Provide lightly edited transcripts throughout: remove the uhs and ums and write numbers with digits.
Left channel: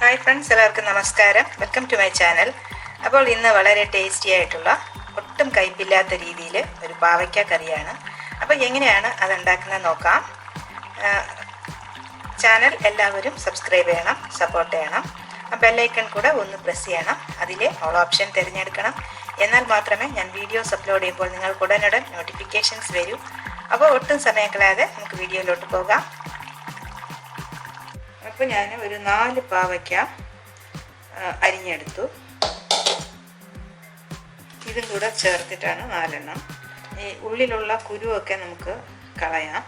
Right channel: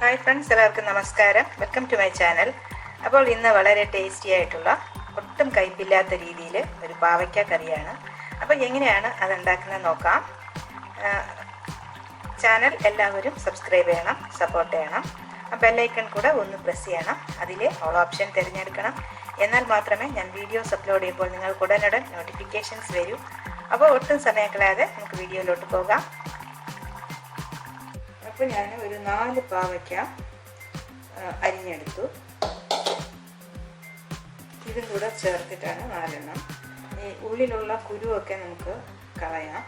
Hi friends, എല്ലാവർക്കും നമസ്കാരം. Welcome to my channel. അപ്പോൾ ഇന്ന് വളരെ ടേസ്റ്റി ആയിട്ടുള്ള ഒട്ടും കയ്പില്ലാത്ത രീതിയിൽ ഒരു പാവയ്ക്ക കറിയാണ്. അപ്പോൾ എങ്ങനെയാണ് അതുണ്ടാക്കുന്നത് നോക്കാം. ചാനൽ എല്ലാവരും സബ്സ്ക്രൈബ് ചെയ്യണം, സപ്പോർട്ട് ചെയ്യണം. ബെല്ലൈക്കൺ കൂടെ ഒന്ന് പ്രസ് ചെയ്യണം. അതിൽ ഓൾ ഓപ്ഷൻ തിരഞ്ഞെടുക്കണം. എന്നാൽ മാത്രമേ ഞാൻ വീഡിയോസ് അപ്ലോഡ് ചെയ്യുമ്പോൾ നിങ്ങൾക്ക് ഉടനുടൻ നോട്ടിഫിക്കേഷൻസ് വരൂ. അപ്പോൾ ഒട്ടും സമയം കളയാതെ നമുക്ക് വീഡിയോയിലോട്ട് പോകാം. അപ്പോൾ ഞാൻ ഒരു 4 പാവയ്ക്ക അരിഞ്ഞെടുത്തു. ഇതും കൂടെ ചേർത്തിട്ടാണ് 4 എണ്ണം. ഈ ഉള്ളിലുള്ള കുരുവൊക്കെ നമുക്ക് കളയാം.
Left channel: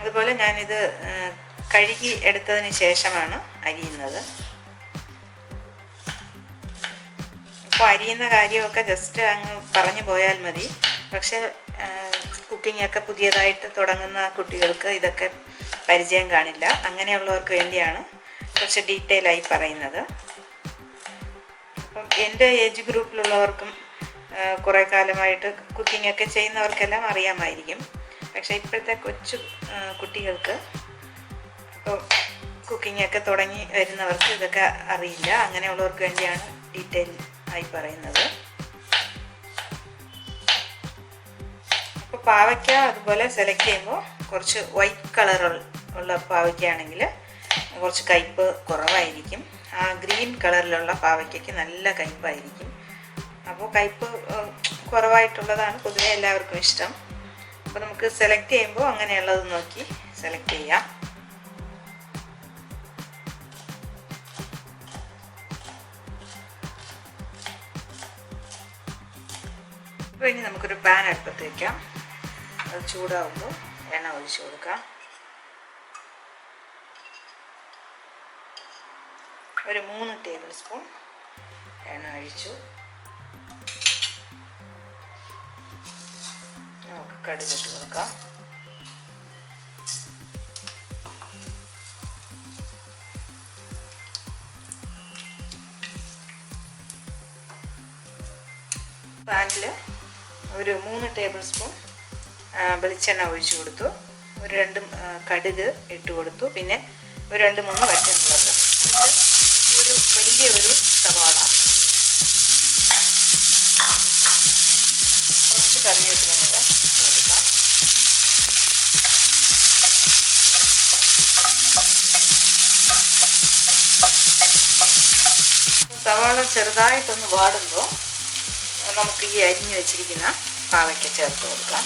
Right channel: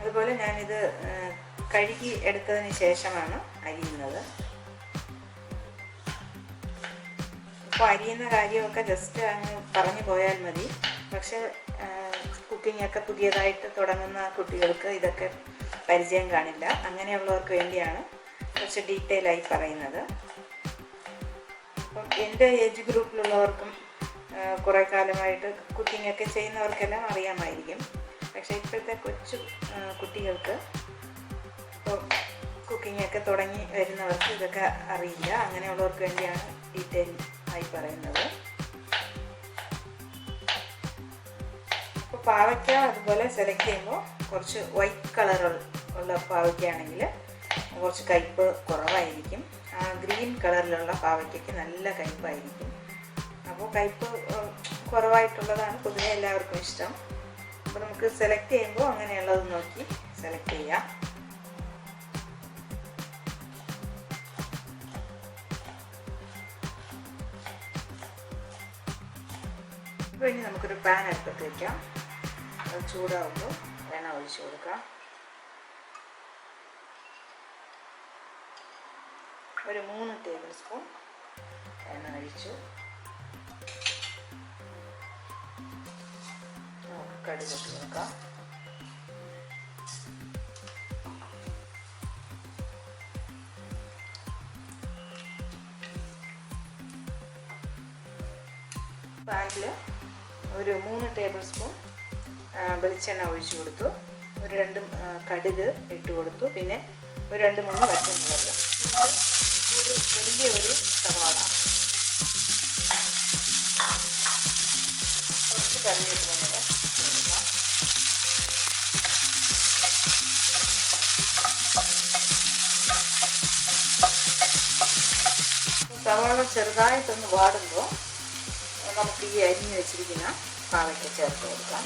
അതുപോലെ ഞാനിത് കഴുകി എടുത്തതിന് ശേഷമാണ് അരിയുന്നത്. ഇപ്പോൾ അരിയുന്ന കാര്യമൊക്കെ ജസ്റ്റ് അങ്ങ് പറഞ്ഞു പോയാൽ മതി. പക്ഷെ കുക്കിങ്ങൊക്കെ പുതിയതായിട്ട് തുടങ്ങുന്ന കുട്ടികൾക്ക് ഇതൊക്കെ പരിചയം കാണില്ല. അങ്ങനെയുള്ളവർക്ക് വേണ്ടിയാണ് കുറച്ച് ഡീറ്റെയിൽ ആയി പറയുന്നത്. അപ്പം എൻ്റെ ഏജ് ഗ്രൂപ്പിലുള്ളവർക്കും കുറേ കാലമായിട്ട് കുക്കിങ്ങൊക്കെ ചെയ്യുന്നവർക്കെല്ലാം അറിയാമായിരിക്കും. പക്ഷേ ഇപ്പോഴത്തെ കൊച്ചു കുട്ടികൾക്ക് ഇപ്പോൾ കുക്കിങ്ങൊക്കെ തുടങ്ങി വരുന്നവർക്ക് ഇതൊക്കെ അറിയില്ല. അങ്ങനെയുള്ളവർക്ക് വേണ്ടിയാണ് ഡീറ്റെയിൽ ആയി പറയുന്നത്. അപ്പോൾ പാവയ്ക്ക അതുപോലെ സെലക്ട് ചെയ്യുമ്പോൾ കുറച്ച് വൈറ്റ് കളർ ഉള്ള പാവയ്ക്കയാണെങ്കിൽ കുറച്ച് കയ്പ്പ് കുറവായിരിക്കും. ആ ഗ്രീൻ കളറിലുള്ള പാവയ്ക്കയ്ക്ക് നല്ല കയ്പ്പായിരിക്കും. അപ്പോൾ കയ്പ്പ് കുറവായിട്ടുള്ളതാണ് പൊതുവെ എല്ലാവർക്കും ഇഷ്ടം. അപ്പോൾ നമുക്ക് സെലക്ട് ചെയ്യുമ്പോൾ അങ്ങനെയുള്ളത് നോക്കി സെലക്ട് ചെയ്യാം. അപ്പോൾ ഇനി നമുക്കൊരു പാൻ അടുപ്പത്ത് വയ്ക്കാം. അത് ചൂടാവുമ്പോൾ എണ്ണ ഒഴിച്ചു കൊടുക്കാം. ഒരു 3 ടേബിൾ സ്പൂൺ എണ്ണ ഒഴിച്ചു. കടുകിട്ട് കൊടുക്കാം. പാനിൽ ഒരു 3 ടേബിൾ സ്പൂൺ വെളിച്ചെണ്ണ ഒഴിച്ചു കൊടുത്തു. ഒരു 2 കടുക് ഇട്ട് കൊടുത്തു. പിന്നെ ഒരു 2-3 വറ്റൽമുളക്. ഒരു വലിയൊരു സവാള, കുറച്ച് കറിവേപ്പില കൂടെ കൊടുക്കാം. സവാള ചെറുതായിട്ടൊന്ന് വാടുമ്പോൾ നമുക്ക് ഈ അരിഞ്ഞു വെച്ചിരിക്കുന്ന പാവയ്ക്ക ചേർത്ത് കൊടുക്കാം.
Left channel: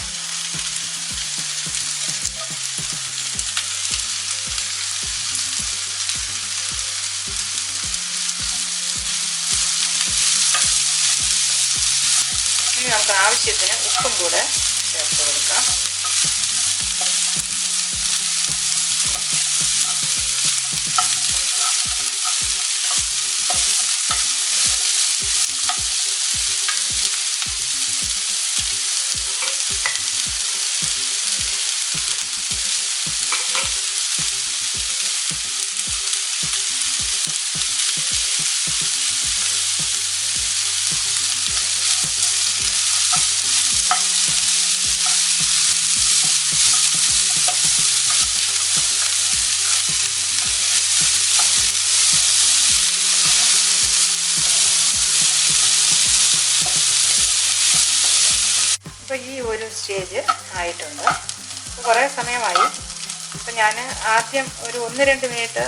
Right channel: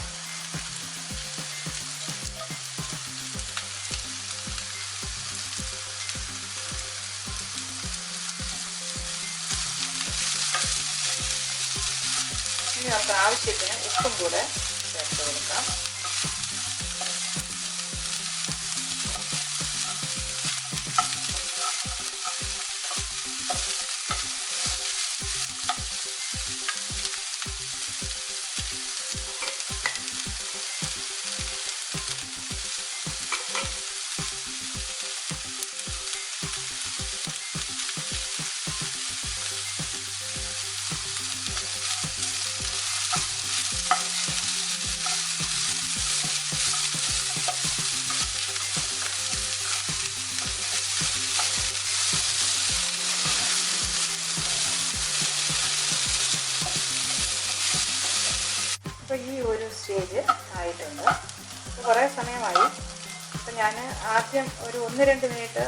ഇനി നമുക്ക് ആവശ്യത്തിന് ഉപ്പും കൂടെ ചേർത്ത് കൊടുക്കാം. അപ്പോൾ ഈ ഒരു സ്റ്റേജ് ആയിട്ടുണ്ട്. കുറേ സമയമായി. അപ്പോൾ ഞാൻ ആദ്യം ഒരു 1-2 മിനിറ്റ്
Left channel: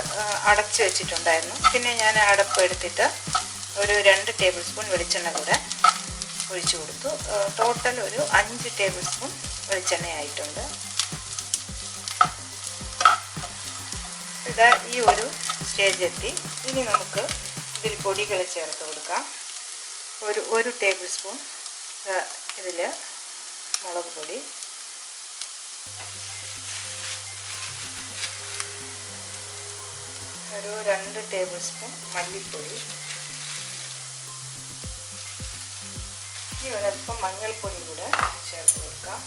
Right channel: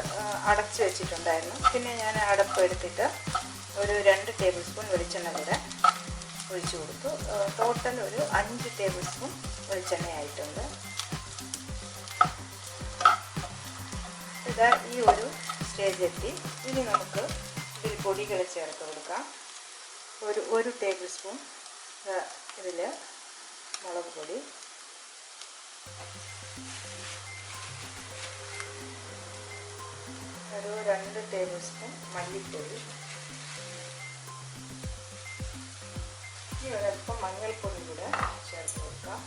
അടച്ച് വെച്ചിട്ടുണ്ടായിരുന്നു. പിന്നെ ഞാൻ അടപ്പ് എടുത്തിട്ട് ഒരു 2 ടേബിൾ സ്പൂൺ വെളിച്ചെണ്ണ കൂടെ ഒഴിച്ചു കൊടുത്തു. ടോട്ടൽ ഒരു 5 ടേബിൾ സ്പൂൺ വെളിച്ചെണ്ണയായിട്ടുണ്ട്. ഇത് ഈ ഒരു സ്റ്റേജ് എത്തി. ഇനി നമുക്ക് ഇതിൽ പൊടികൾ ചേർത്ത് കൊടുക്കാം. ഒരു ടേബിൾ സ്പൂൺ ഇതിൽ മുളക് പൊടി, ഒരു 2 ടേബിൾ സ്പൂൺ മല്ലിപ്പൊടി, ഇനി ഒരല്പം മഞ്ഞൾപ്പൊടി കൂടെ ചേർത്ത് കൊടുക്കാം.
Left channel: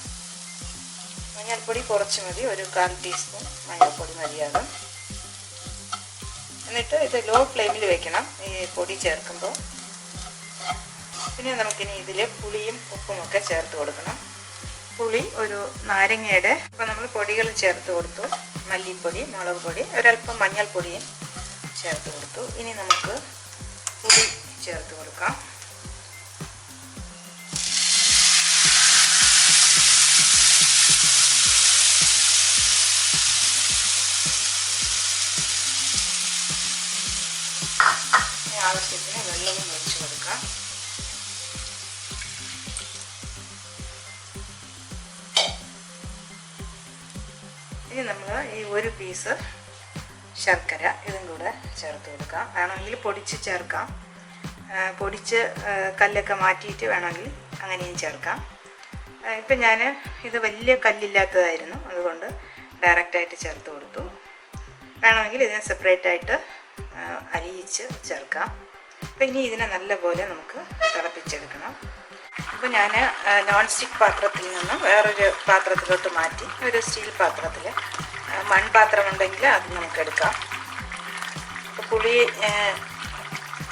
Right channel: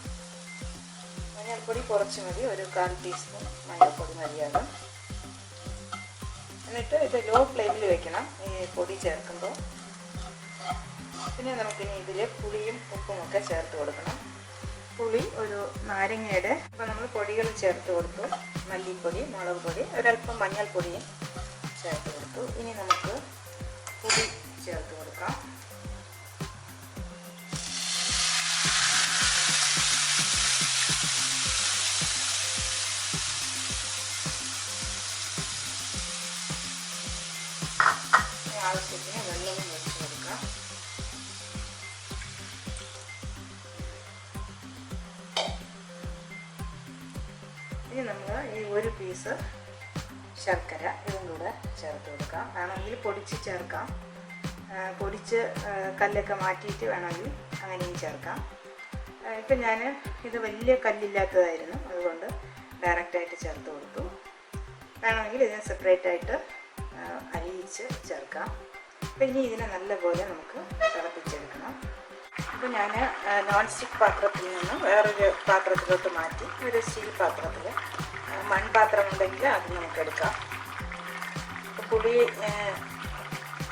മഞ്ഞൾപ്പൊടി കുറച്ച് മതി, ഒരു 1/4 ടീസ്പൂൺ മഞ്ഞൾപ്പൊടി മതിയാകും. എന്നിട്ട് ഇത് ലോ ഫ്ലെയിമിൽ വെക്കണം ഈ പൊടി ചേർക്കുമ്പോൾ. പിന്നെ നമുക്കിനി ഇതിൽ പുളിയും ഉപ്പുമൊക്കെ ചേർത്ത് കൊടുക്കണം. പുളി ഒരു നാരങ്ങയുടെ. അപ്പോൾ നമ്മൾ പൊടികൾ ചേർത്ത് കൊടുത്തു. മല്ലിപ്പൊടി, മുളക് പൊടി, ഒരല്പം മഞ്ഞൾപ്പൊടിയും ചേർത്ത് കൊടുത്തു. ഇനി നമുക്ക് പുളി ചേർത്ത് കൊടുക്കാം. ആവശ്യത്തിന് വെള്ളവും ഒഴിച്ച് കൊടുക്കാം. ഇനി നമ്മൾ ഈ ഒരു പീസ് ശർക്കര ഇതും കൂടെ ചേർത്ത് കൊടുക്കാം. വേണമെങ്കിൽ പൊടിച്ച് ചേർക്കാം. പൊടിച്ച് കല്ലൊക്കെ മാറ്റിയിട്ട് വേണമെങ്കിൽ അങ്ങനെയും ചേർക്കാം. ഇപ്പം ഞാൻ ഇത് വലിയ കല്ലില്ലാത്തതായിരുന്നു, അതുകൊണ്ട് ഡയറക്റ്റായിട്ട് ചേർത്ത് കൊടുത്തു. വേണമെങ്കിൽ ഇതിനെ സെപ്പറേറ്റായിട്ട് അരിയിച്ച് ചേർക്കാം. അപ്പോൾ ഇനി ഇതിനെ നല്ലപോലെ നമുക്ക് തിളപ്പിച്ചെടുക്കണം. അപ്പോൾ ഞാൻ നോൺ സ്റ്റിക്ക് പാത്രത്തിൽ നിന്നും വേറൊരു പാത്രത്തിലോട്ട് മാറ്റി ഒരു സ്റ്റീൽ പാത്രത്തിൽ, മൺപാത്രം ഉണ്ടെങ്കിൽ അത് നമുക്ക് എടുക്കാം. അപ്പോൾ പുളി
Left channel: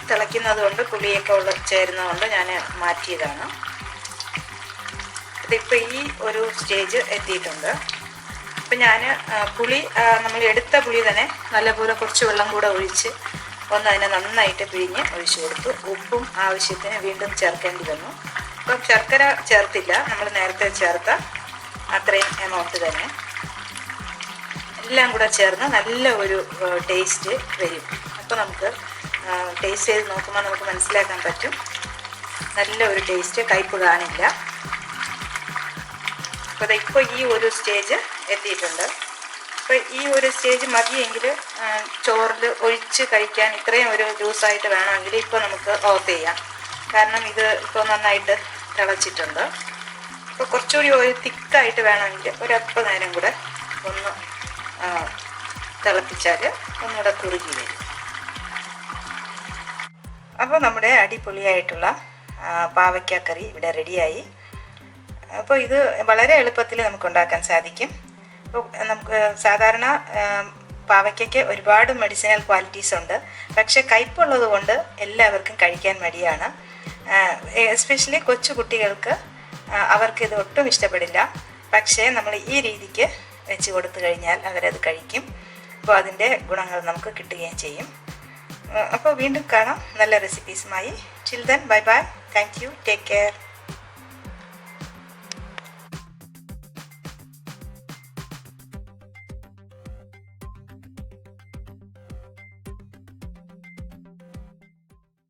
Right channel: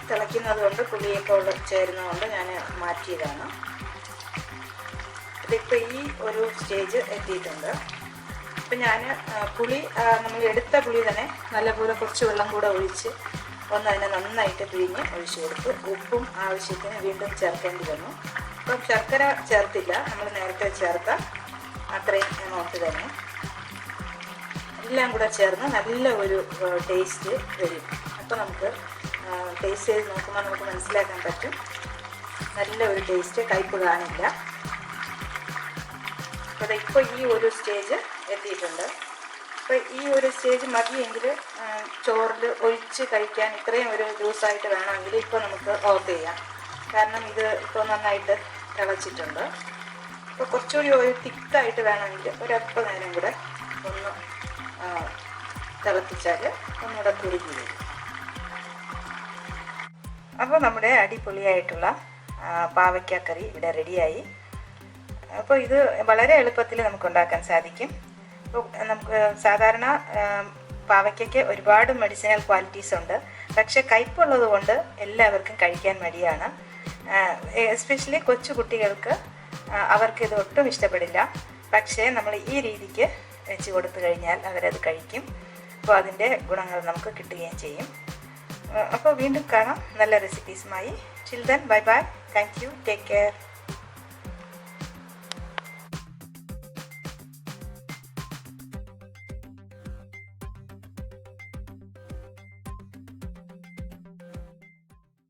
തിളയ്ക്കുന്നത് കൊണ്ട് പുളിയൊക്കെ ചേരുന്നതുകൊണ്ട് ഞാൻ മാറ്റിയതാണ്. ഇതിപ്പോൾ ഈ ഒരു സ്റ്റേജ് എത്തിയിട്ടുണ്ട്. അപ്പം ഞാൻ പുളി നമ്മൾ എടുത്ത പുളി തന്നെ നല്ലപോലെ കുറച്ച് വെള്ളം കൂടെ ഒഴിച്ച് ഒന്ന് അതിനെ നന്നായിട്ട് പിഴിഞ്ഞ് ഒഴിച്ചു കൊടുത്തു. ഉപ്പും ആവശ്യത്തിന് വീണ്ടും ചേർക്കേണ്ടി വന്നു. അപ്പം ശർക്കര ചേർത്തില്ല, നമ്മൾ നേരത്തെ ചേർത്ത അത്രയും എമൗണ്ട് തന്നെ. എല്ലാം കൂടെ ചേർന്ന് നല്ല ഒരു ടേസ്റ്റ് വരും. അപ്പോൾ നമുക്ക് ടേസ്റ്റ് ചെയ്ത് നോക്കുമ്പോൾ നമുക്ക് മനസ്സിലാക്കാൻ പറ്റും, നല്ല ഒരു ടേസ്റ്റ്, കയ്പ്പ് കാണില്ല. അപ്പോൾ ഇപ്പോൾ ഈ ഒരു സ്റ്റേജ് എത്തിയിട്ടുണ്ട്. അപ്പോൾ ഈ ഒരു സ്റ്റേജ് മതിയെങ്കിൽ ചോറിൽ ഒഴിച്ച് കഴിക്കാൻ ഇത്രയും ഒരു ജ്യൂസായിട്ട് വേണമെങ്കിൽ ഇപ്പോൾ നമുക്ക് ഓഫ് ചെയ്യാം. കാരണം ഇത് ഇപ്പോൾ നന്നായിട്ട് തിളച്ചിട്ടുണ്ട്. അപ്പോൾ കുറച്ചുകൂടി ഒരു തിക്കായിട്ട് വേണമെങ്കിൽ ഒരല്പം നേരം കൂടെ ഒന്ന് തിളപ്പിച്ചാൽ ഒന്നുകൂടെ കുറുകി വരും. അപ്പോൾ നമ്മുടെ അടിപൊളിയായിട്ടുള്ള പാവയ്ക്കക്കറി ഇവിടെ റെഡിയായി. അപ്പോൾ ഇത് വളരെ എളുപ്പത്തിൽ നമുക്ക് ഉണ്ടാക്കാൻ സാധിക്കും. അപ്പോൾ നമുക്ക് സാധാരണ പാവയ്ക്കയ്ക്ക് ഒരുപാട് മെഡിസിനൽ ക്വാളിറ്റീസ് ഉണ്ട്, പക്ഷേ കയ്പുള്ളത് കൊണ്ട് എല്ലാവർക്കും കഴിക്കാൻ മടിയാണ്. എസ്പെഷ്യലി കൊച്ചു കുട്ടികൾക്ക് അവർക്ക് ഇത് ഒട്ടും ഇഷ്ടപ്പെടില്ല. പക്ഷേ നമ്മൾ ഈ രീതിക്ക് വെച്ച് കൊടുത്തു കഴിഞ്ഞാൽ അവരത് കഴിക്കും. അപ്പോൾ അതിൻ്റെ ഗുണങ്ങൾ നമുക്ക് കിട്ടുകയും ചെയ്യും. അപ്പോൾ വീണ്ടും കാണാം നല്ല റെസിപ്പീസുമായി. Till then bye bye. Thank you. Take care.